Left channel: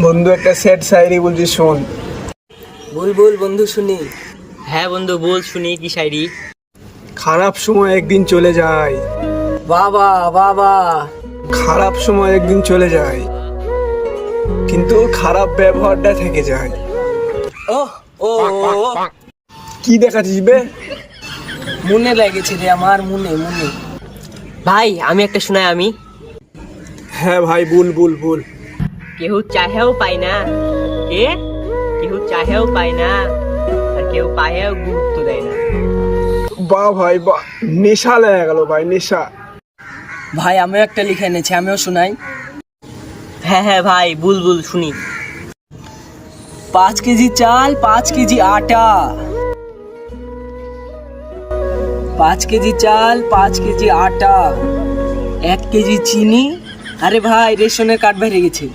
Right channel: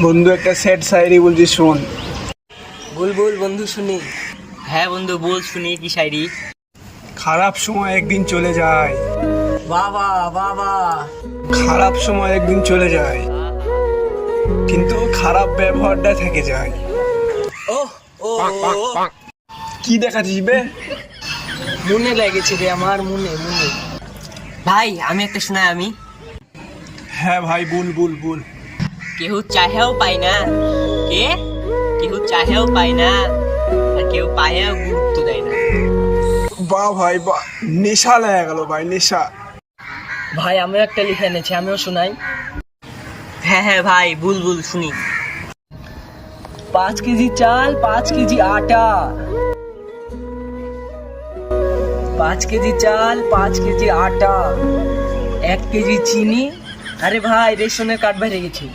বন্ধু একটা স্যাড শায়রি বলছি শোন। বল বল বন্ধু শুনি। হ্যাঁ বন্ধু বল শুনি কি শায়রি। খারাপ সময় একদিন চলে যায়, বাবা বাবা। খারাপ সময় একদিন চলে যায়, কিন্তু খারাপ ব্যবহারটা থেকে যায়। ও ও কি দেখাচ্ছিস বে? মনে লেগেছে রে আমার, মনে মনে। ভাই আমি একটা শোনাই আমি। হ্যাঁ ভাই বল বল বল। কেউ চাহেও পায় না, কে কেউ চাহেও পায় না, আর কেউ পায়েও গুরুত্ব দেয় না। বাহ ভাই বাহ, নেশা লেগে গেল ভাই, নেশা। ভাই আমিও একটা লিখে এনেছি, আমিও শোনাই। হ্যাঁ হ্যাঁ ভাই বুলবুল শুনি। 5 কেজি চাল 5 কেজি আটা, 5 কেজি চাল 5 কেজি আটা, 1 কেজি চিনি। আরে ভাই রেশনের কার্ড বেড়ে গেছে।